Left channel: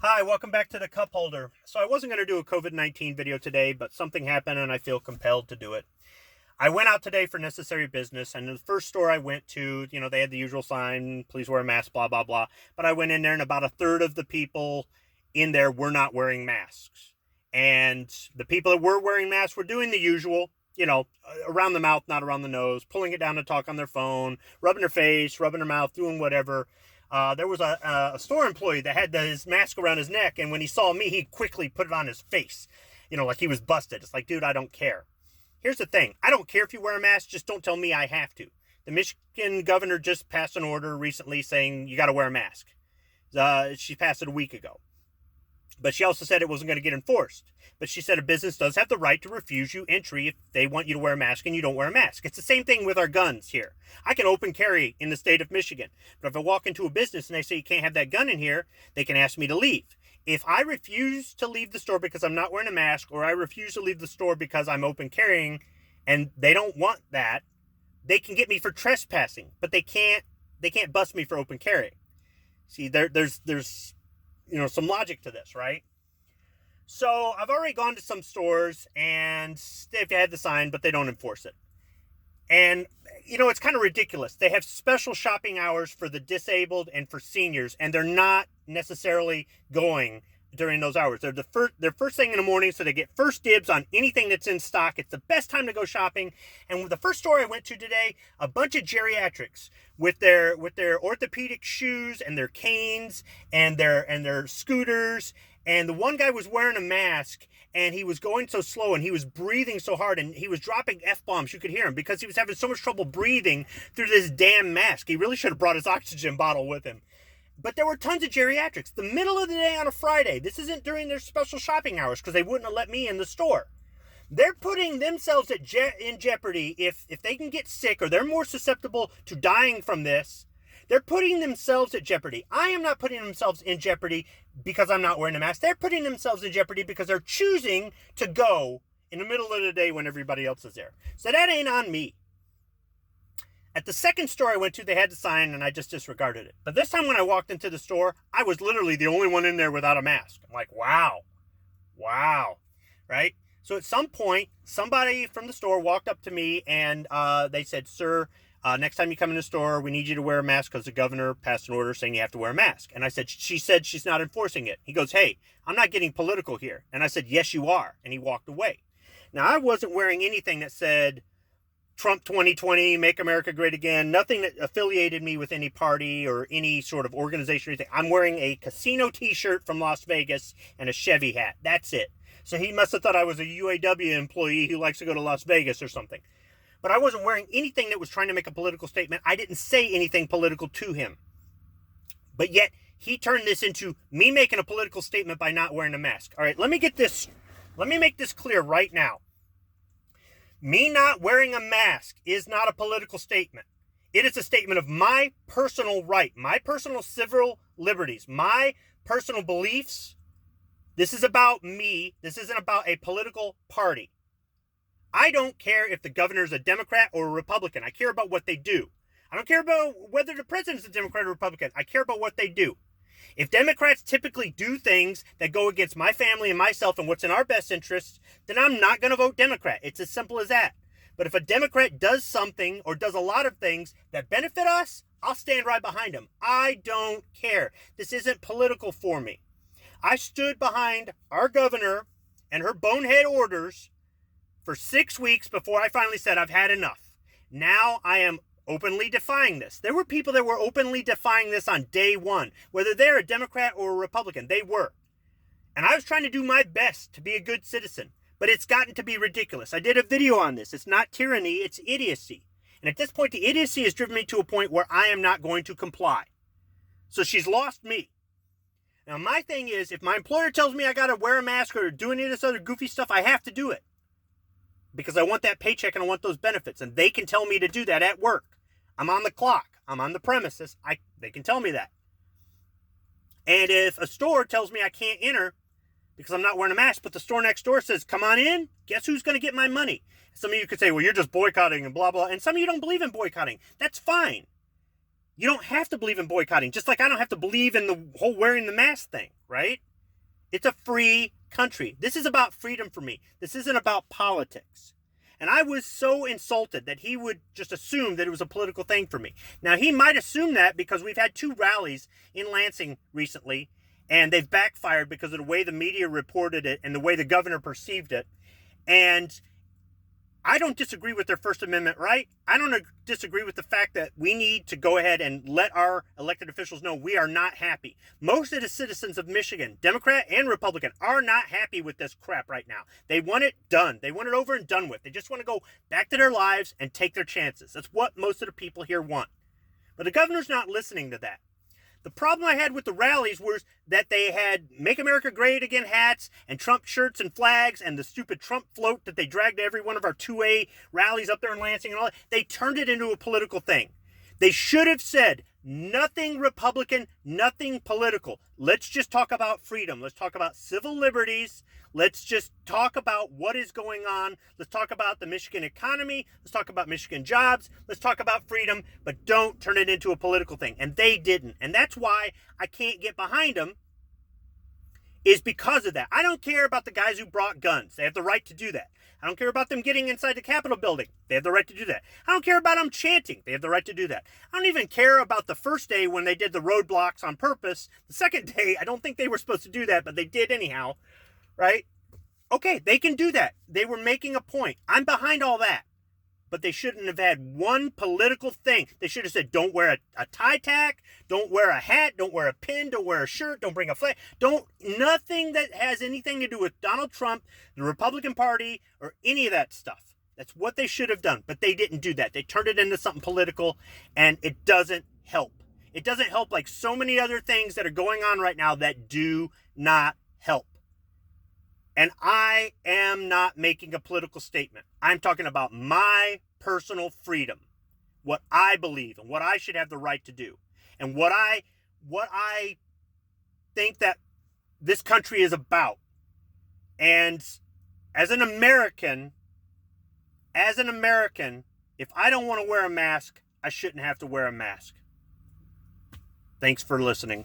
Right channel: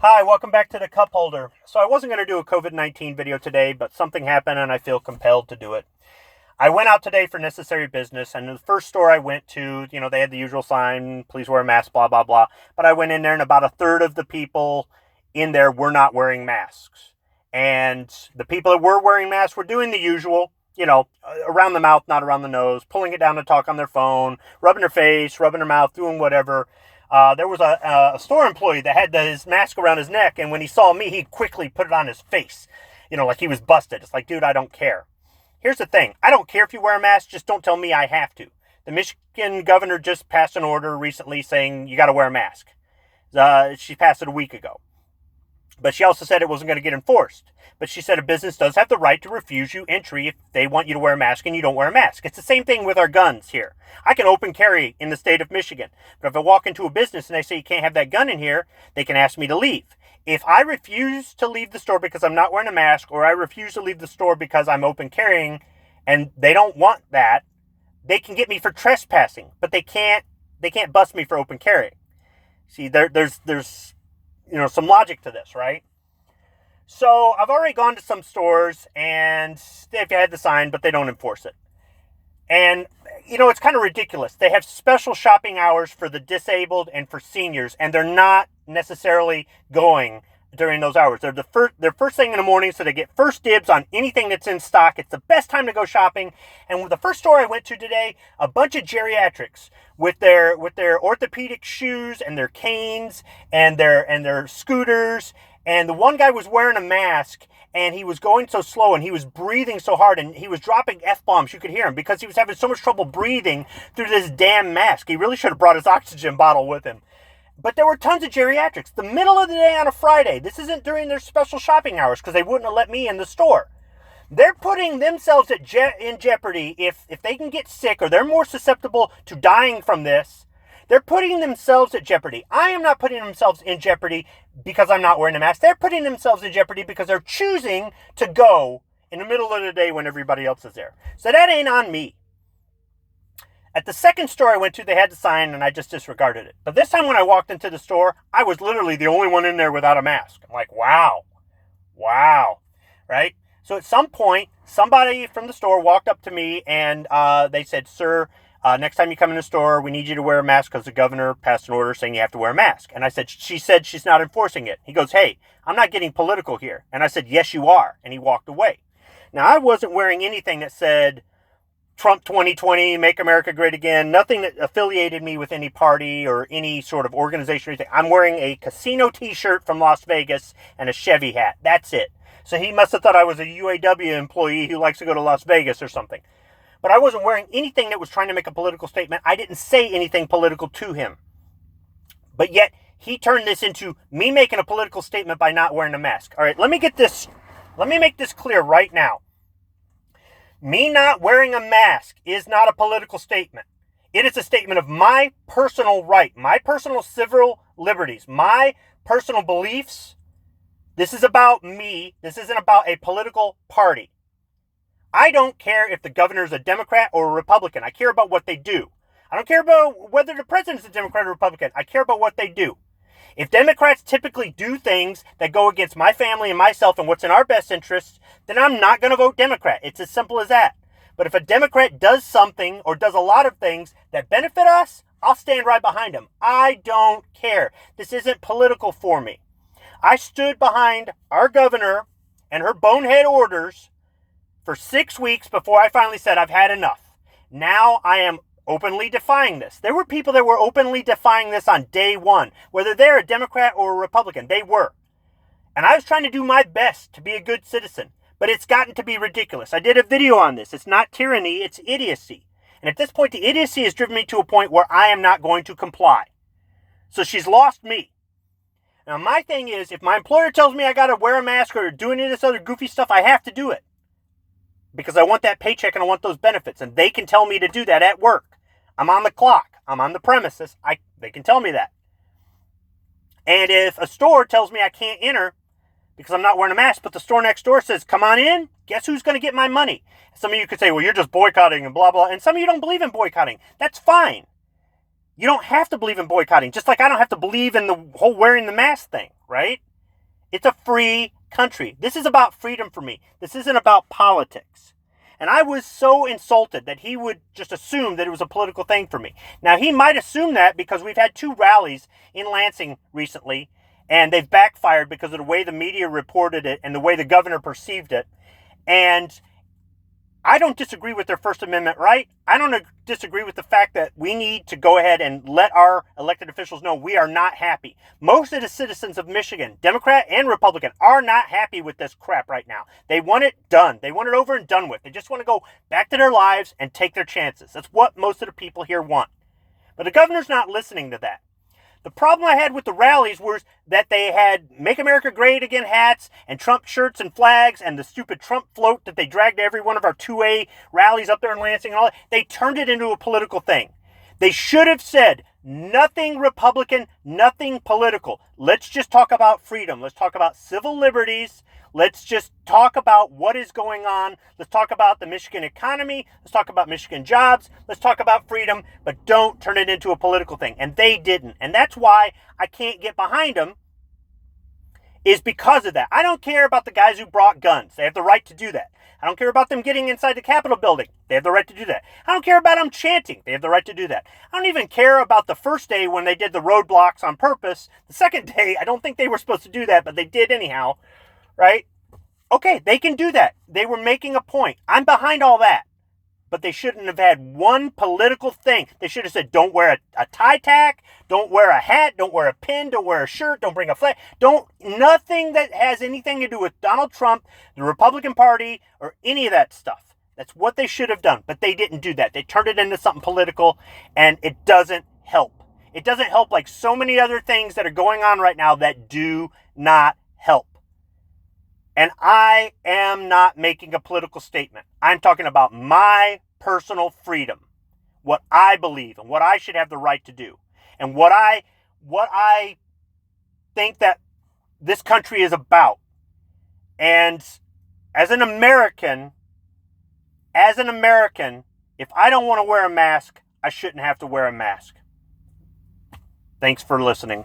Hi, welcome back to the cup holder. So I wasn't going to do a COVID-19 video today, but something happened and I feel compelled to do it. I went out today for necessary business, and the first store I went to, they had the usual sign, please wear a mask, blah, blah, blah. But I went in there and about a third of the people in there were not wearing masks. And the people that were wearing masks were doing the usual, around the mouth, not around the nose, pulling it down to talk on their phone, rubbing their face, rubbing their mouth, doing whatever. There was a store employee that had his mask around his neck, and when he saw me, he quickly put it on his face, like he was busted. It's like, dude, I don't care. Here's the thing. I don't care if you wear a mask, just don't tell me I have to. The Michigan governor just passed an order recently saying you got to wear a mask. She passed it a week ago. But she also said it wasn't going to get enforced. But she said a business does have the right to refuse you entry if they want you to wear a mask and you don't wear a mask. It's the same thing with our guns here. I can open carry in the state of Michigan. But if I walk into a business and they say you can't have that gun in here, they can ask me to leave. If I refuse to leave the store because I'm not wearing a mask, or I refuse to leave the store because I'm open carrying and they don't want that, they can get me for trespassing, but they can't bust me for open carrying. See, there's some logic to this, right? So I've already gone to some stores and they've had the sign, but they don't enforce it. And, it's kind of ridiculous. They have special shopping hours for the disabled and for seniors, and they're not necessarily going during those hours. They're first thing in the morning, so they get first dibs on anything that's in stock. It's the best time to go shopping. And with the first store I went to today, a bunch of geriatrics with their orthopedic shoes and their canes and their scooters. And the one guy was wearing a mask, and he was going so slow, and he was breathing so hard, and he was dropping F-bombs. You could hear him because he was having so much trouble breathing through this damn mask. He really should have brought his oxygen bottle with him. But there were tons of geriatrics. The middle of the day on a Friday. This isn't during their special shopping hours because they wouldn't have let me in the store. They're putting themselves in jeopardy if they can get sick, or they're more susceptible to dying from this. They're putting themselves at jeopardy. I am not putting themselves in jeopardy because I'm not wearing a mask. They're putting themselves in jeopardy because they're choosing to go in the middle of the day when everybody else is there. So that ain't on me. At the second store I went to, they had the sign, and I just disregarded it. But this time when I walked into the store, I was literally the only one in there without a mask. I'm like, wow, right? So at some point, somebody from the store walked up to me, and they said, sir, next time you come in the store, we need you to wear a mask because the governor passed an order saying you have to wear a mask. And I said, she said she's not enforcing it. He goes, hey, I'm not getting political here. And I said, yes, you are. And he walked away. Now, I wasn't wearing anything that said Trump 2020, make America great again, nothing that affiliated me with any party or any sort of organization or anything. I'm wearing a casino t-shirt from Las Vegas and a Chevy hat. That's it. So he must have thought I was a UAW employee who likes to go to Las Vegas or something. But I wasn't wearing anything that was trying to make a political statement. I didn't say anything political to him. But yet, he turned this into me making a political statement by not wearing a mask. All right, let me make this clear right now. Me not wearing a mask is not a political statement. It is a statement of my personal right, my personal civil liberties, my personal beliefs. This is about me. This isn't about a political party. I don't care if the governor is a Democrat or a Republican. I care about what they do. I don't care about whether the president is a Democrat or Republican. I care about what they do. If Democrats typically do things that go against my family and myself and what's in our best interests, then I'm not going to vote Democrat. It's as simple as that. But if a Democrat does something or does a lot of things that benefit us, I'll stand right behind them. I don't care. This isn't political for me. I stood behind our governor and her bonehead orders for 6 weeks before I finally said I've had enough. Now I am openly defying this. There were people that were openly defying this on day one. Whether they're a Democrat or a Republican, they were. And I was trying to do my best to be a good citizen. But it's gotten to be ridiculous. I did a video on this. It's not tyranny, it's idiocy. And at this point, the idiocy has driven me to a point where I am not going to comply. So she's lost me. Now my thing is, if my employer tells me I got to wear a mask or do any of this other goofy stuff, I have to do it. Because I want that paycheck and I want those benefits. And they can tell me to do that at work. I'm on the clock. I'm on the premises. They can tell me that. And if a store tells me I can't enter because I'm not wearing a mask, but the store next door says, come on in, guess who's going to get my money? Some of you could say, well, you're just boycotting and blah, blah. And some of you don't believe in boycotting. That's fine. You don't have to believe in boycotting. Just like I don't have to believe in the whole wearing the mask thing, right? It's a free country. This is about freedom for me. This isn't about politics. And I was so insulted that he would just assume that it was a political thing for me. Now, he might assume that because we've had 2 rallies in Lansing recently, and they've backfired because of the way the media reported it and the way the governor perceived it. And I don't disagree with their First Amendment right. I don't disagree with the fact that we need to go ahead and let our elected officials know we are not happy. Most of the citizens of Michigan, Democrat and Republican, are not happy with this crap right now. They want it done. They want it over and done with. They just want to go back to their lives and take their chances. That's what most of the people here want. But the governor's not listening to that. The problem I had with the rallies was that they had Make America Great Again hats and Trump shirts and flags and the stupid Trump float that they dragged to every one of our 2A rallies up there in Lansing and all that. They turned it into a political thing. They should have said, nothing Republican, nothing political. Let's just talk about freedom. Let's talk about civil liberties. Let's just talk about what is going on. Let's talk about the Michigan economy. Let's talk about Michigan jobs. Let's talk about freedom, but don't turn it into a political thing. And they didn't. And that's why I can't get behind them, is because of that. I don't care about the guys who brought guns. They have the right to do that. I don't care about them getting inside the Capitol building. They have the right to do that. I don't care about them chanting. They have the right to do that. I don't even care about the first day when they did the roadblocks on purpose. The second day, I don't think they were supposed to do that, but they did anyhow. Right? Okay, they can do that. They were making a point. I'm behind all that. But they shouldn't have had one political thing. They should have said, don't wear a tie tack, don't wear a hat, don't wear a pin, don't wear a shirt, don't bring a flag. Nothing that has anything to do with Donald Trump, the Republican Party, or any of that stuff. That's what they should have done. But they didn't do that. They turned it into something political, and it doesn't help. It doesn't help like so many other things that are going on right now that do not help. And I am not making a political statement. I'm talking about my personal freedom, what I believe and what I should have the right to do, and what I think that this country is about. And as an American, if I don't want to wear a mask, I shouldn't have to wear a mask. Thanks for listening.